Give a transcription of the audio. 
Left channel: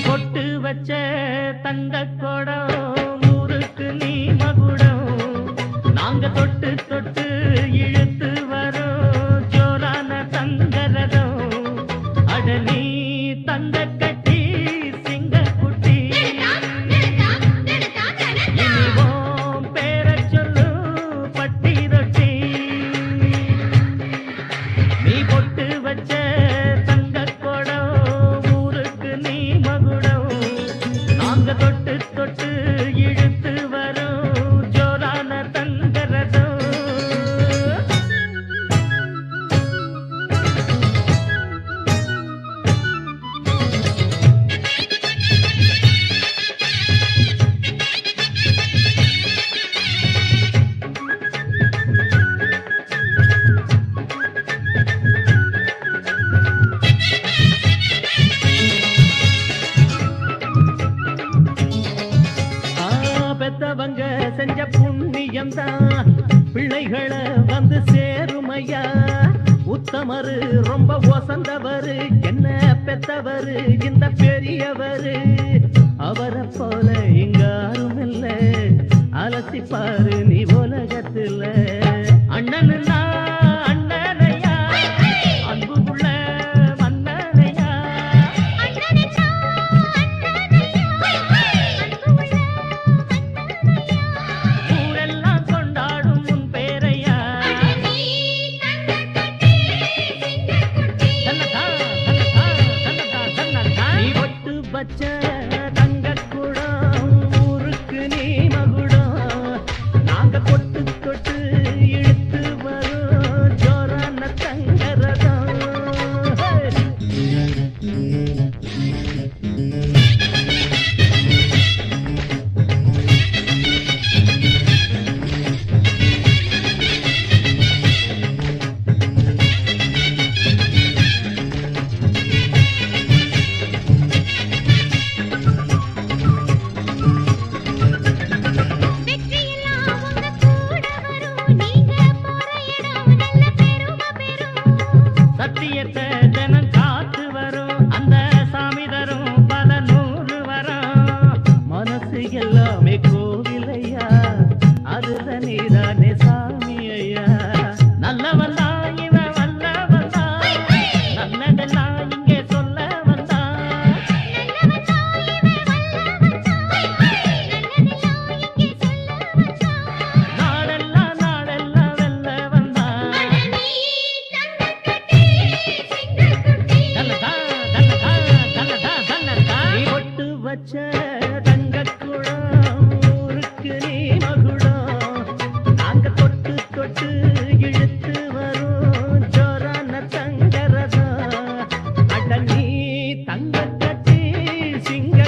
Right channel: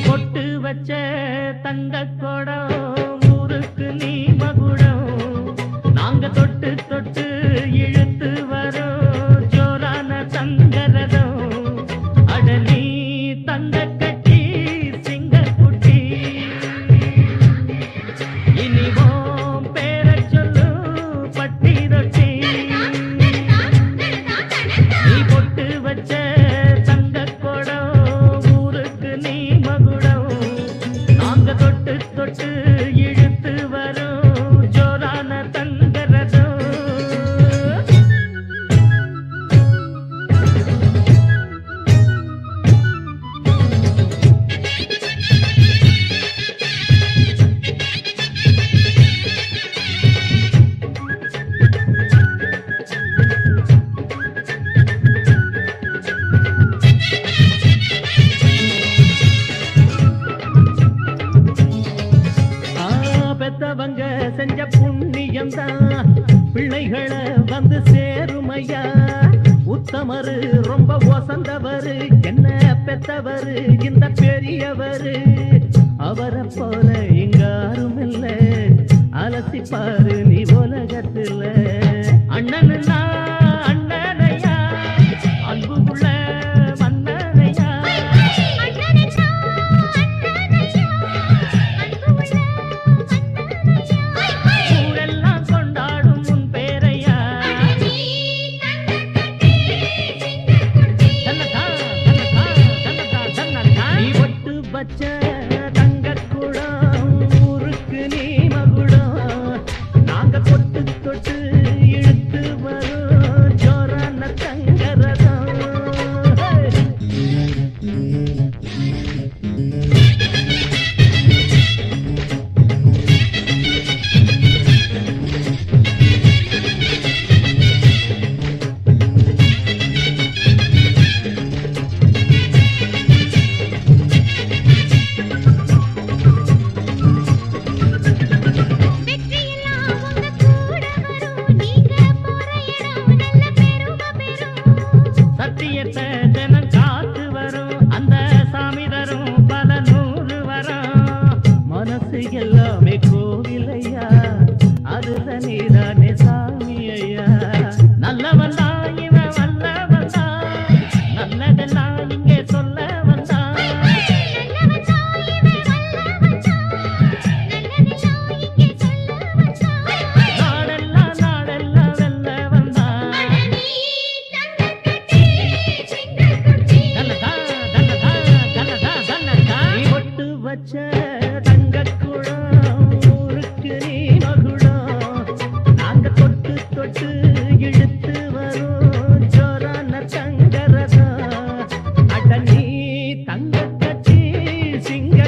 பொட்டு வச்ச தங்க கொடம் ஊருக்கு நீ மகுடம் நாங்க தொட்டு தொட்டு இழுத்து வரோம் ஜோரான தங்கரதம் அட நீ தங்க கட்டி சிங்க குட்டி இனிவோம் பேர சொல்லு பட்டி ரொட்டி நீ பொட்டு வச்ச தங்க கொடம் ஊருக்கு நீ மகுடம் நாங்க தொட்டு தொட்டு இழுத்து வரோம் ஜோரான தங்கரதம் பெத்தவங்க செஞ்ச புண்ணியம் தான் பிள்ளைகளை வந்து சேருமையா உத்தமரு ரொம்ப ஒசந்தவரு என்ன பெத்தவரு இந்த பெரியவரு அவரை போல இங்காரும் இல்ல அலசிப்பாரு நீ உலகத்துல அண்ணனுன்னா அண்ணனையா அன்பு உள்ள மன்னனையா ஊரெல்லாம் கொண்டாடும் உன் பேரையா நீ ஒட்டு பச்ச தங்க குடம் ஊருக்கு நீ மகுடம் நாங்க கொட்டு தொட்டு இழுத்து வரும் ஜோரான தங்கரதம் சத்தியத்தை தினம் காத்து வரும் அந்த சாமி தரும் பல நூறு வரும் மனசு எல்லாமே கோவிலையா அதுல நீதானே சாமி ஐயா நல்லவன் தான் இவன் வல்லவன் தான் நல்லதெல்லாம் இங்கே சொல்ல வந்தான் நாடெல்லாம் நாடெல்லாம் வெல்ல வந்தான் நீ ஒட்டு வச்ச தங்க குடம் ஊருக்கு நீ மகுடம் நாங்க தொட்டு தொட்டு இழுத்து வரும் ஜோரான தங்கரதம் அட நீ தங்க கட்டி சிங்க